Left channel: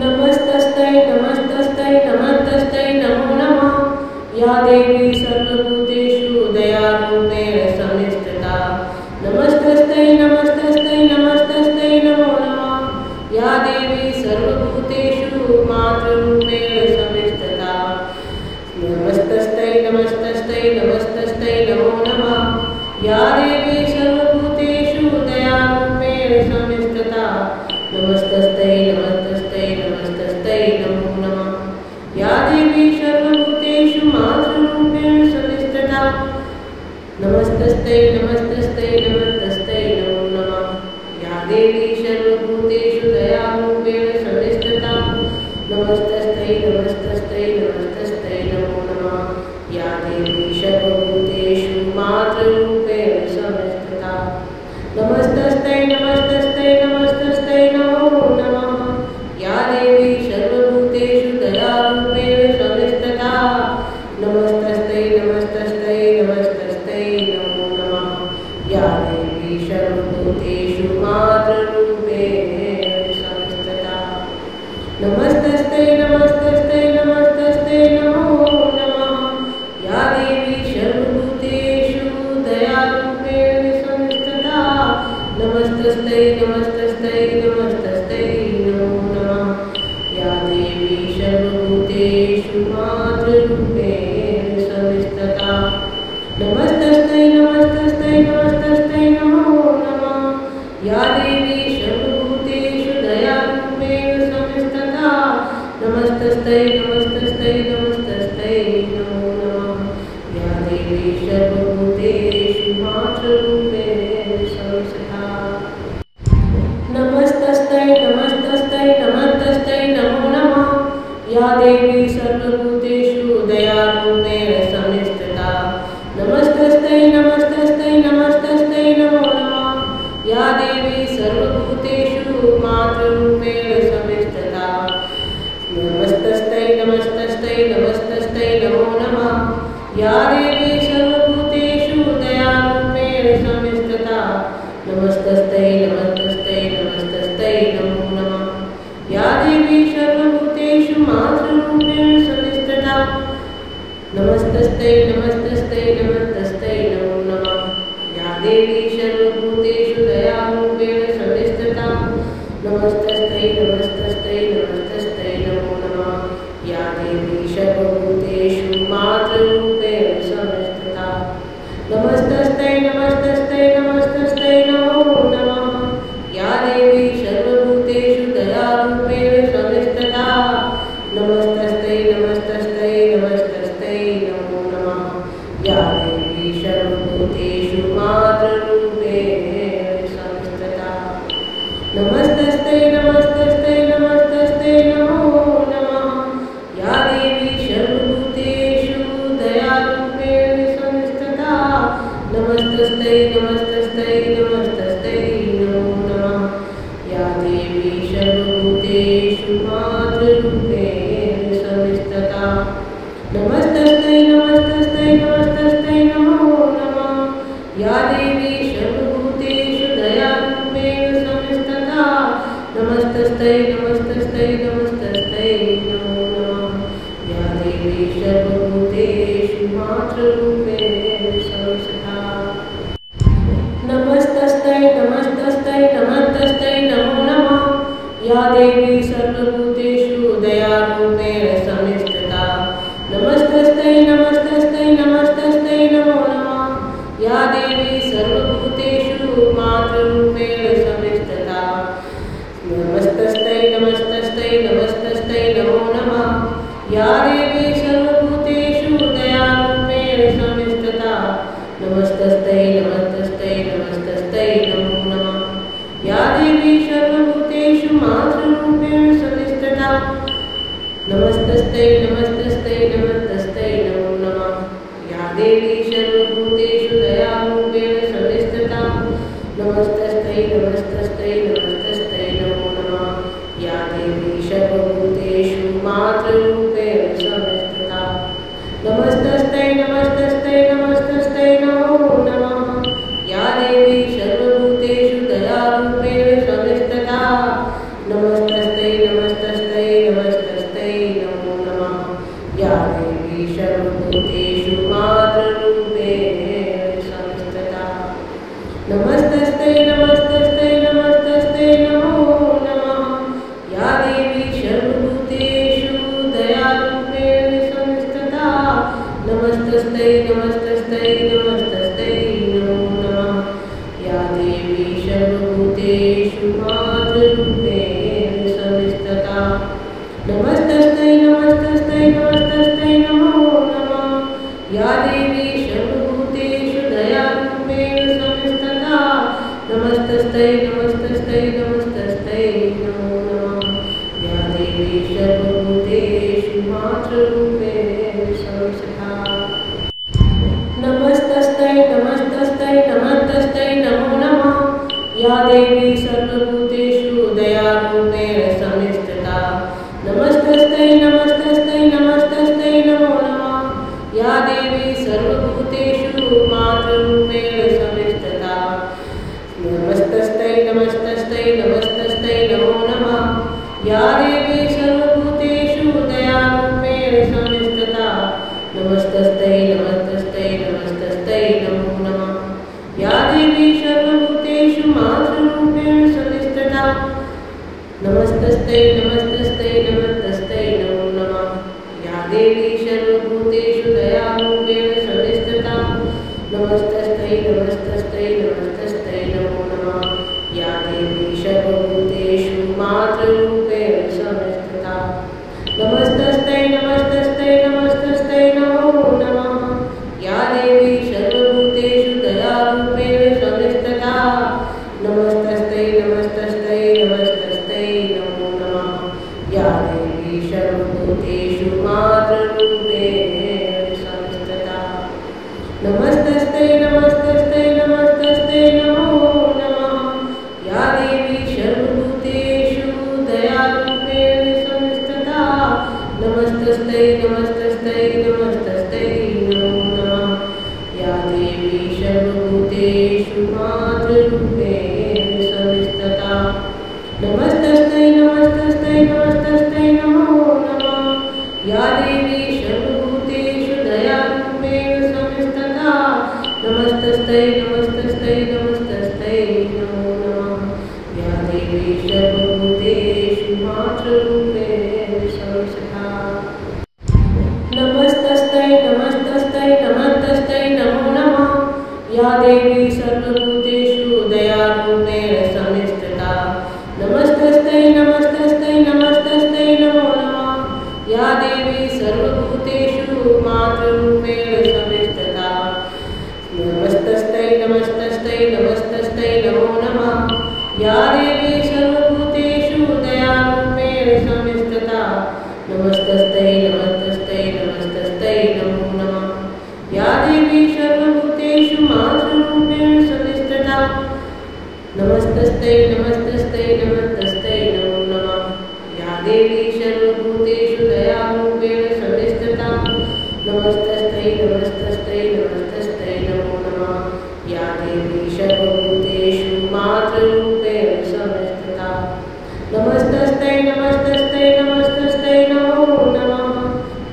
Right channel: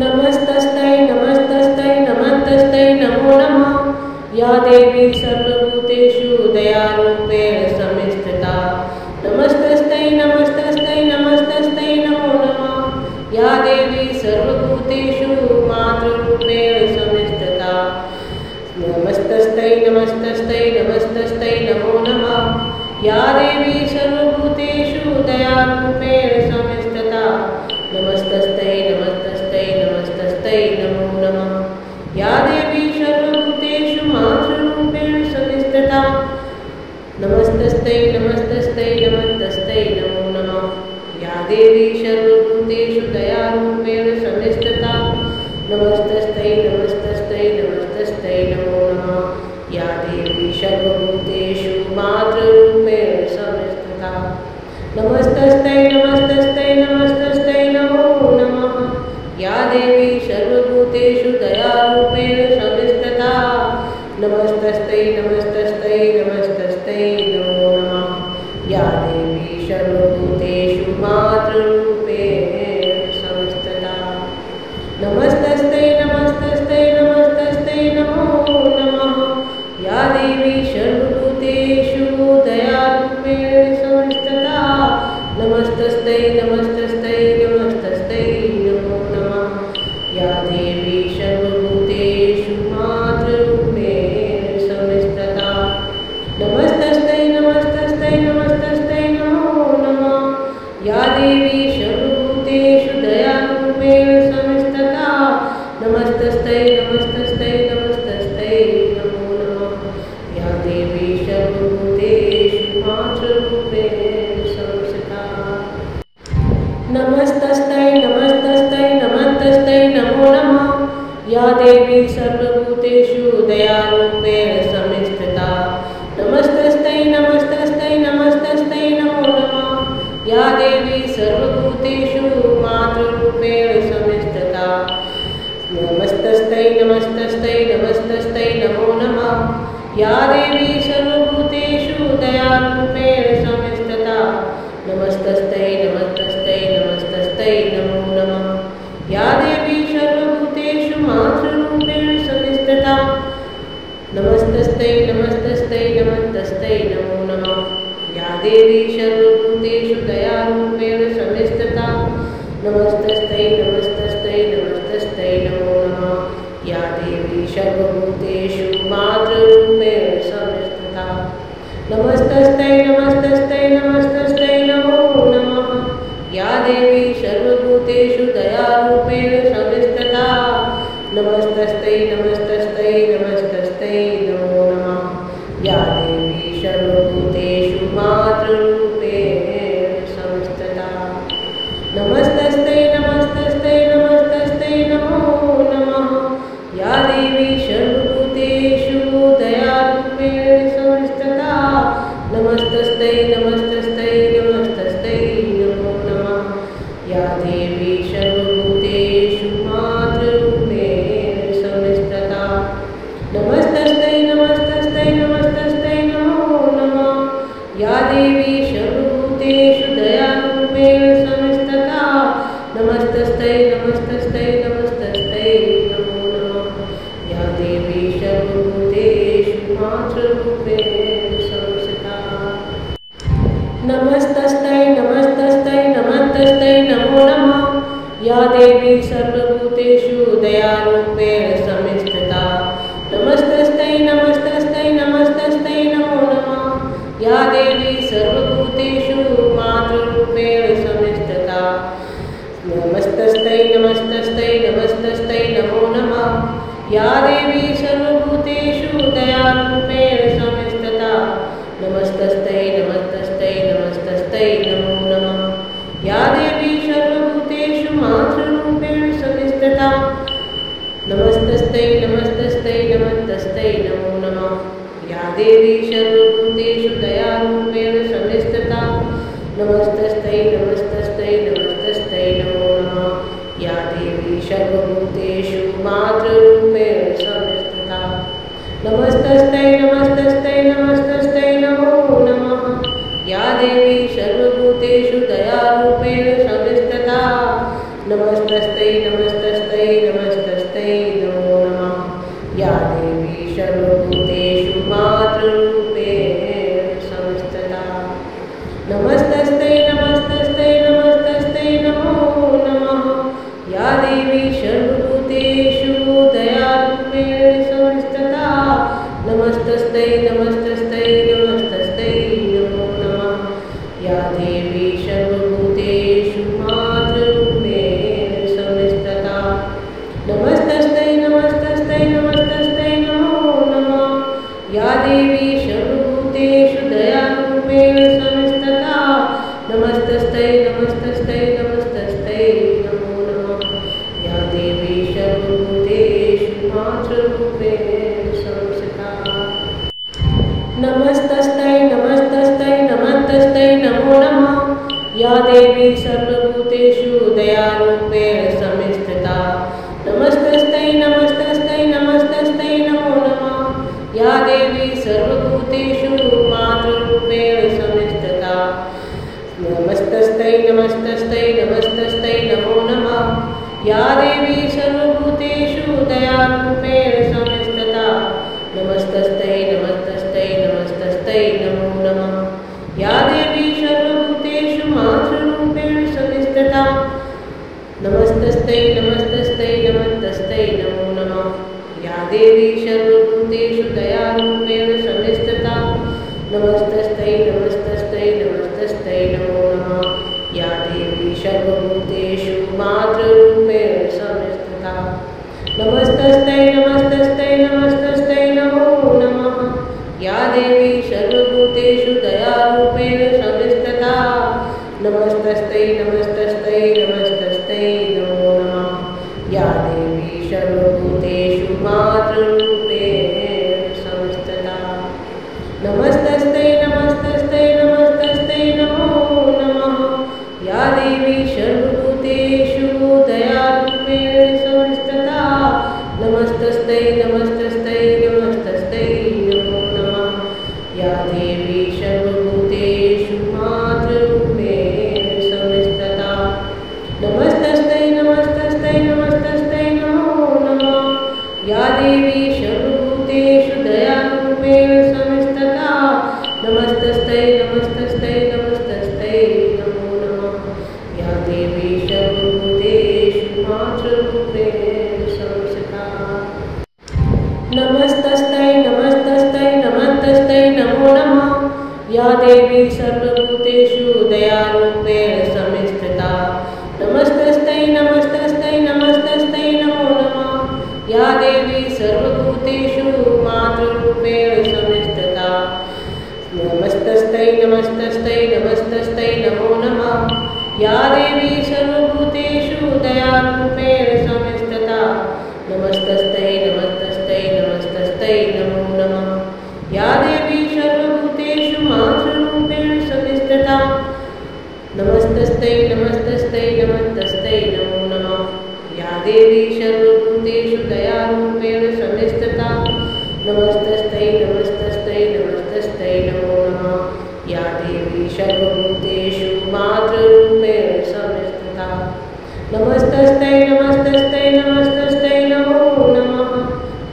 नमस्तस्यै नमस्तस्यै नमस्तस्यै नमो नमः। या देवी सर्वभूतेषु दयारूपेण संस्थिता। नमस्तस्यै नमस्तस्यै नमस्तस्यै नमो नमः। या देवी सर्वभूतेषु मातृरूपेण संस्थिता। नमस्तस्यै नमस्तस्यै नमस्तस्यै नमो नमः। या देवी सर्वभूतेषु दयारूपेण संस्थिता। नमस्तस्यै नमस्तस्यै नमस्तस्यै नमो नमः। या देवी सर्वभूतेषु मातृरूपेण संस्थिता। नमस्तस्यै नमस्तस्यै नमस्तस्यै नमो नमः। या देवी सर्वभूतेषु दयारूपेण संस्थिता। नमस्तस्यै नमस्तस्यै नमस्तस्यै नमो नमः। या देवी सर्वभूतेषु मातृरूपेण संस्थिता। नमस्तस्यै नमस्तस्यै नमस्तस्यै नमो नमः। या देवी सर्वभूतेषु दयारूपेण संस्थिता। नमस्तस्यै नमस्तस्यै नमस्तस्यै नमो नमः। या देवी सर्वभूतेषु मातृरूपेण संस्थिता। नमस्तस्यै नमस्तस्यै नमस्तस्यै नमो नमः। या देवी सर्वभूतेषु दयारूपेण संस्थिता। नमस्तस्यै नमस्तस्यै नमस्तस्यै नमो नमः। या देवी सर्वभूतेषु मातृरूपेण संस्थिता। नमस्तस्यै नमस्तस्यै नमस्तस्यै नमो नमः। या देवी सर्वभूतेषु दयारूपेण संस्थिता। नमस्तस्यै नमस्तस्यै नमस्तस्यै नमो नमः। या देवी सर्वभूतेषु मातृरूपेण संस्थिता। नमस्तस्यै नमस्तस्यै नमस्तस्यै नमो नमः। या देवी सर्वभूतेषु दयारूपेण संस्थिता। नमस्तस्यै नमस्तस्यै नमस्तस्यै नमो नमः। या देवी सर्वभूतेषु मातृरूपेण संस्थिता। नमस्तस्यै नमस्तस्यै नमस्तस्यै नमो नमः। या देवी सर्वभूतेषु दयारूपेण संस्थिता। नमस्तस्यै नमस्तस्यै नमस्तस्यै नमो नमः। या देवी सर्वभूतेषु मातृरूपेण संस्थिता। नमस्तस्यै नमस्तस्यै नमस्तस्यै नमो नमः। या देवी सर्वभूतेषु दयारूपेण संस्थिता। नमस्तस्यै नमस्तस्यै नमस्तस्यै नमो नमः। या देवी सर्वभूतेषु मातृरूपेण संस्थिता। नमस्तस्यै नमस्तस्यै नमस्तस्यै नमो नमः। या देवी सर्वभूतेषु दयारूपेण संस्थिता। नमस्तस्यै नमस्तस्यै नमस्तस्यै नमो नमः। या देवी सर्वभूतेषु मातृरूपेण संस्थिता। नमस्तस्यै नमस्तस्यै नमस्तस्यै नमो नमः। या देवी सर्वभूतेषु दयारूपेण संस्थिता। नमस्तस्यै नमस्तस्यै नमस्तस्यै नमो नमः। या देवी सर्वभूतेषु मातृरूपेण संस्थिता। नमस्तस्यै नमस्तस्यै नमस्तस्यै नमो नमः। या देवी सर्वभूतेषु दयारूपेण संस्थिता। नमस्तस्यै नमस्तस्यै नमस्तस्यै नमो नमः। या देवी सर्वभूतेषु मातृरूपेण संस्थिता। नमस्तस्यै नमस्तस्यै नमस्तस्यै नमो नमः। या देवी सर्वभूतेषु दयारूपेण संस्थिता। नमस्तस्यै नमस्तस्यै नमस्तस्यै नमो नमः। या देवी सर्वभूतेषु मातृरूपेण संस्थिता। नमस्तस्यै नमस्तस्यै नमस्तस्यै नमो नमः। या देवी सर्वभूतेषु दयारूपेण संस्थिता। नमस्तस्यै नमस्तस्यै नमस्तस्यै नमो नमः। या देवी सर्वभूतेषु मातृरूपेण संस्थिता। नमस्तस्यै नमस्तस्यै नमस्तस्यै नमो नमः। या देवी सर्वभूतेषु दयारूपेण संस्थिता। नमस्तस्यै नमस्तस्यै नमस्तस्यै नमो नमः। या देवी सर्वभूतेषु मातृरूपेण संस्थिता। नमस्तस्यै नमस्तस्यै नमस्तस्यै नमो नमः। या देवी सर्वभूतेषु दयारूपेण संस्थिता। नमस्तस्यै नमस्तस्यै नमस्तस्यै नमो नमः। या देवी सर्वभूतेषु मातृरूपेण संस्थिता। नमस्तस्यै नमस्तस्यै नमस्तस्यै नमो नमः। या देवी सर्वभूतेषु दयारूपेण संस्थिता। नमस्तस्यै नमस्तस्यै नमस्तस्यै नमो नमः। या देवी सर्वभूतेषु मातृरूपेण संस्थिता। नमस्तस्यै नमस्तस्यै नमस्तस्यै नमो नमः। या देवी सर्वभूतेषु दयारूपेण संस्थिता। नमस्तस्यै नमस्तस्यै नमस्तस्यै नमो नमः। या देवी सर्वभूतेषु मातृरूपेण संस्थिता। नमस्तस्यै नमस्तस्यै नमस्तस्यै नमो नमः। या देवी सर्वभूतेषु दयारूपेण संस्थिता। नमस्तस्यै नमस्तस्यै नमस्तस्यै नमो नमः। या देवी सर्वभूतेषु मातृरूपेण संस्थिता। नमस्तस्यै नमस्तस्यै नमस्तस्यै नमो नमः। या देवी सर्वभूतेषु दयारूपेण संस्थिता। नमस्तस्यै नमस्तस्यै नमस्तस्यै नमो नमः। या देवी सर्वभूतेषु मातृरूपेण संस्थिता। नमस्तस्यै नमस्तस्यै नमस्तस्यै नमो नमः। या देवी सर्वभूतेषु दयारूपेण संस्थिता। नमस्तस्यै नमस्तस्यै नमस्तस्यै नमो नमः। या देवी सर्वभूतेषु मातृरूपेण संस्थिता। नमस्तस्यै नमस्तस्यै नमस्तस्यै नमो नमः। या देवी सर्वभूतेषु दयारूपेण संस्थिता। नमस्तस्यै नमस्तस्यै नमस्तस्यै नमो नमः। या देवी सर्वभूतेषु मातृरूपेण संस्थिता। नमस्तस्यै नमस्तस्यै नमस्तस्यै नमो नमः। या देवी सर्वभूतेषु दयारूपेण संस्थिता। नमस्तस्यै नमस्तस्यै नमस्तस्यै नमो नमः। या देवी सर्वभूतेषु मातृरूपेण संस्थिता। नमस्तस्यै नमस्तस्यै नमस्तस्यै नमो नमः। या देवी सर्वभूतेषु दयारूपेण संस्थिता। नमस्तस्यै नमस्तस्यै नमस्तस्यै नमो नमः। या देवी सर्वभूतेषु मातृरूपेण संस्थिता। नमस्तस्यै नमस्तस्यै नमस्तस्यै नमो नमः। या देवी सर्वभूतेषु दयारूपेण संस्थिता। नमस्तस्यै नमस्तस्यै नमस्तस्यै नमो नमः। या देवी सर्वभूतेषु मातृरूपेण संस्थिता। नमस्तस्यै नमस्तस्यै नमस्तस्यै नमो नमः। या देवी सर्वभूतेषु दयारूपेण संस्थिता। नमस्तस्यै नमस्तस्यै नमस्तस्यै नमो नमः। या देवी सर्वभूतेषु मातृरूपेण संस्थिता। नमस्तस्यै नमस्तस्यै नमस्तस्यै नमो नमः। या देवी सर्वभूतेषु दयारूपेण संस्थिता। नमस्तस्यै नमस्तस्यै नमस्तस्यै नमो नमः। या देवी सर्वभूतेषु मातृरूपेण संस्थिता। नमस्तस्यै नमस्तस्यै नमस्तस्यै नमो नमः।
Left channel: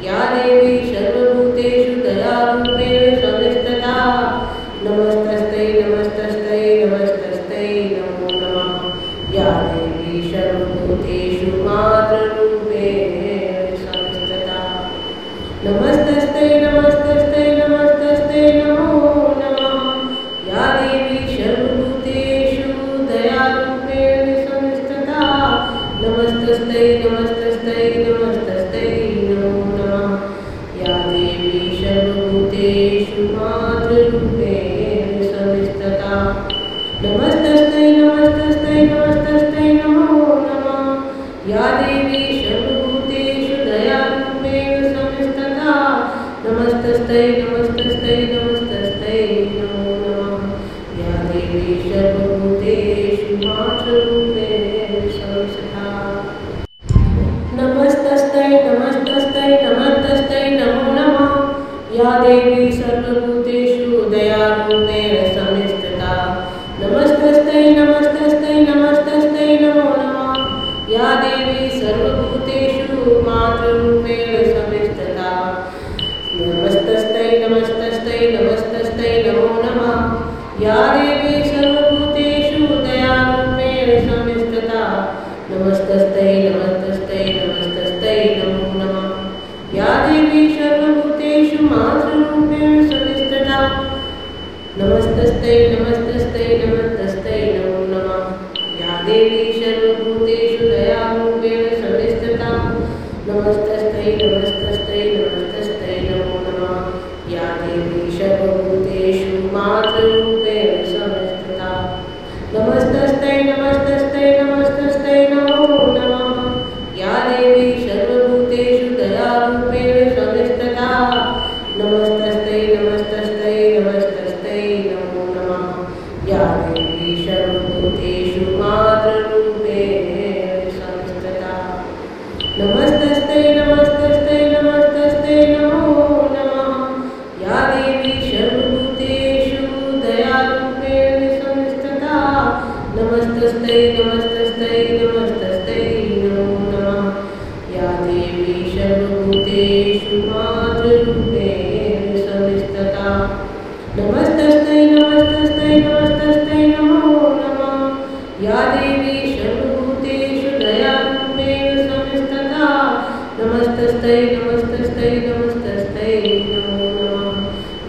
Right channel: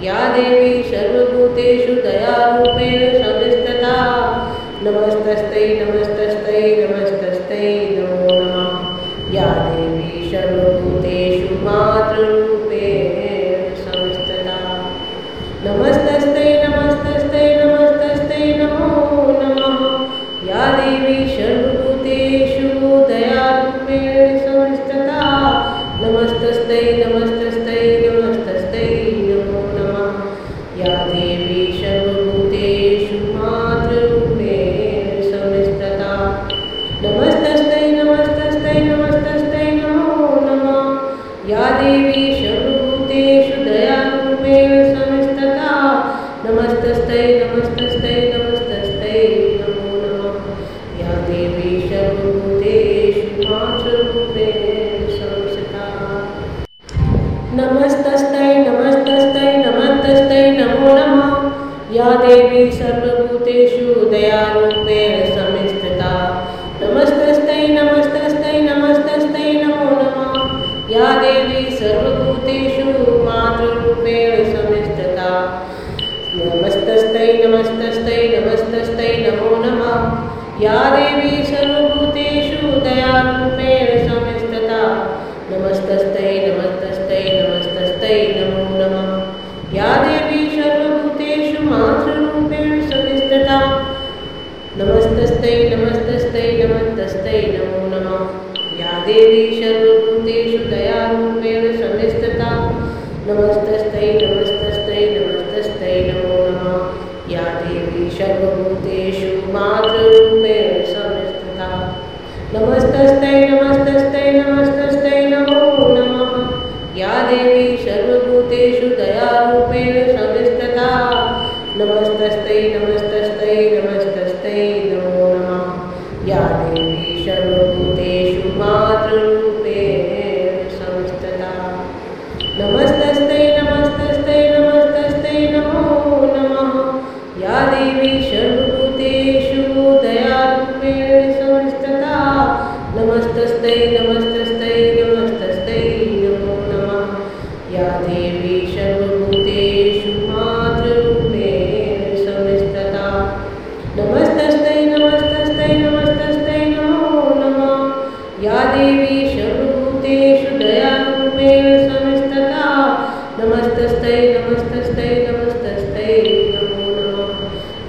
या देवी सर्वभूतेषु दयारूपेण संस्थिता। नमस्तस्यै नमस्तस्यै नमस्तस्यै नमो नमः। या देवी सर्वभूतेषु मातृरूपेण संस्थिता। नमस्तस्यै नमस्तस्यै नमस्तस्यै नमो नमः। या देवी सर्वभूतेषु दयारूपेण संस्थिता। नमस्तस्यै नमस्तस्यै नमस्तस्यै नमो नमः। या देवी सर्वभूतेषु मातृरूपेण संस्थिता। नमस्तस्यै नमस्तस्यै नमस्तस्यै नमो नमः। या देवी सर्वभूतेषु दयारूपेण संस्थिता। नमस्तस्यै नमस्तस्यै नमस्तस्यै नमो नमः। या देवी सर्वभूतेषु मातृरूपेण संस्थिता। नमस्तस्यै नमस्तस्यै नमस्तस्यै नमो नमः। या देवी सर्वभूतेषु दयारूपेण संस्थिता। नमस्तस्यै नमस्तस्यै नमस्तस्यै नमो नमः। या देवी नमस्तस्यै नमो नमः। या देवी सर्वभूतेषु दयारूपेण संस्थिता नमस्तस्यै नमस्तस्यै नमस्तस्यै नमो नमः। या देवी सर्वभूतेषु मातृरूपेण संस्थिता नमस्तस्यै नमस्तस्यै नमस्तस्यै नमो नमः। या देवी सर्वभूतेषु दयारूपेण संस्थिता नमस्तस्यै नमस्तस्यै नमस्तस्यै नमो नमः। या देवी सर्वभूतेषु मातृरूपेण संस्थिता नमस्तस्यै नमस्तस्यै नमस्तस्यै नमो नमः। या देवी सर्वभूतेषु दयारूपेण संस्थिता नमस्तस्यै नमस्तस्यै नमस्तस्यै नमो नमः। या देवी सर्वभूतेषु मातृरूपेण संस्थिता नमस्तस्यै नमस्तस्यै नमस्तस्यै नमो नमः। या देवी सर्वभूतेषु दयारूपेण संस्थिता नमस्तस्यै नमस्तस्यै नमस्तस्यै नमो नमः। या देवी सर्वभूतेषु मातृरूपेण संस्थिता नमस्तस्यै नमस्तस्यै नमस्तस्यै नमो नमः। या देवी सर्वभूतेषु दयारूपेण संस्थिता नमस्तस्यै नमस्तस्यै नमस्तस्यै नमो नमः।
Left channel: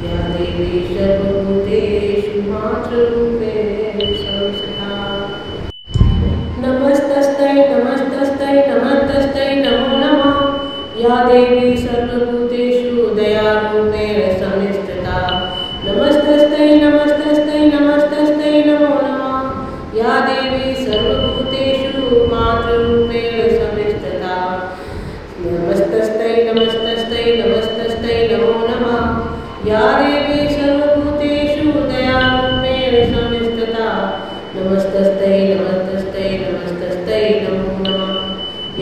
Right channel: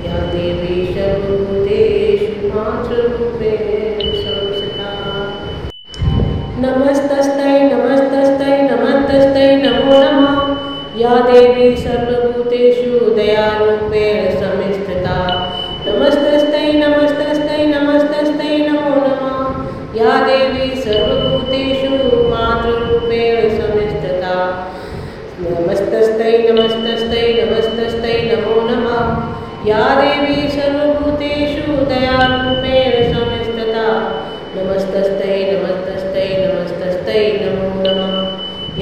या देवी सर्वभूतेषु मातृरूपेण संस्थिता नमस्तस्यै नमस्तस्यै नमस्तस्यै नमो नमः। या देवी सर्वभूतेषु दयारूपेण संस्थिता नमस्तस्यै नमस्तस्यै नमस्तस्यै नमो नमः। या देवी सर्वभूतेषु मातृरूपेण संस्थिता नमस्तस्यै नमस्तस्यै नमस्तस्यै नमो नमः। या देवी सर्वभूतेषु दयारूपेण संस्थिता नमस्तस्यै नमस्तस्यै नमस्तस्यै नमो नमः।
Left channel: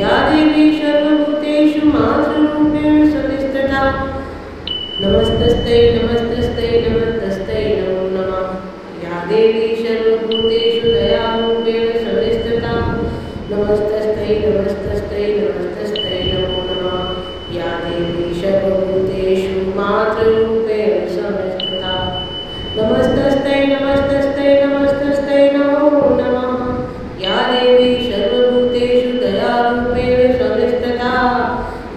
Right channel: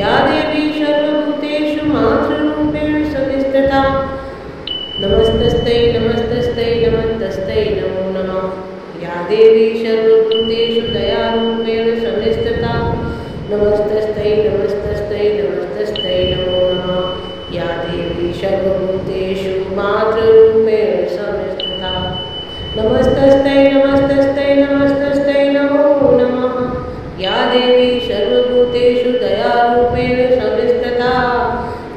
या देवी सर्वभूतेषु मातृरूपेण संस्थिता नमस्तस्यै नमस्तस्यै नमस्तस्यै नमो नमः। या देवी सर्वभूतेषु दयारूपेण संस्थिता नमस्तस्यै नमस्तस्यै नमस्तस्यै नमो नमः। या देवी सर्वभूतेषु मातृरूपेण संस्थिता नमस्तस्यै नमस्तस्यै नमस्तस्यै नमो नमः। या देवी सर्वभूतेषु दयारूपेण संस्थिता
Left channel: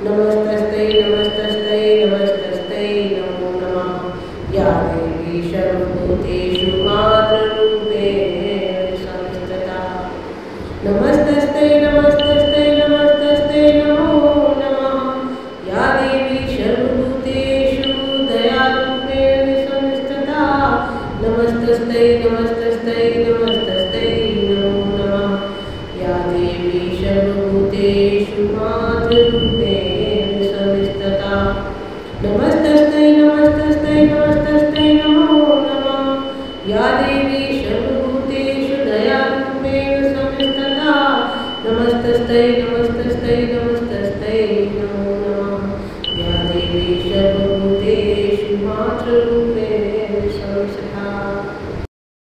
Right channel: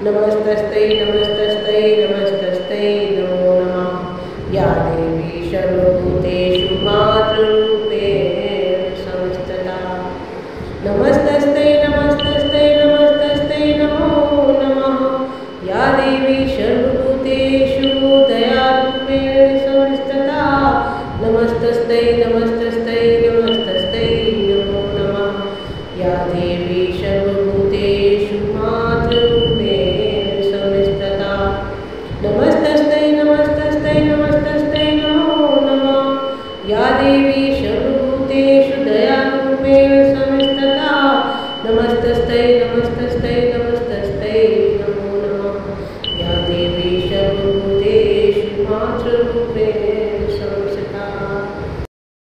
नमस्तस्यै नमस्तस्यै नमस्तस्यै नमो नमः। या देवी सर्वभूतेषु मातृरूपेण संस्थिता नमस्तस्यै नमस्तस्यै नमस्तस्यै नमो नमः। या देवी सर्वभूतेषु दयारूपेण संस्थिता नमस्तस्यै नमस्तस्यै नमस्तस्यै नमो नमः। या देवी सर्वभूतेषु मातृरूपेण संस्थिता नमस्तस्यै नमस्तस्यै नमस्तस्यै नमो नमः। या देवी सर्वभूतेषु दयारूपेण संस्थिता नमस्तस्यै नमस्तस्यै नमस्तस्यै नमो नमः। या देवी सर्वभूतेषु मातृरूपेण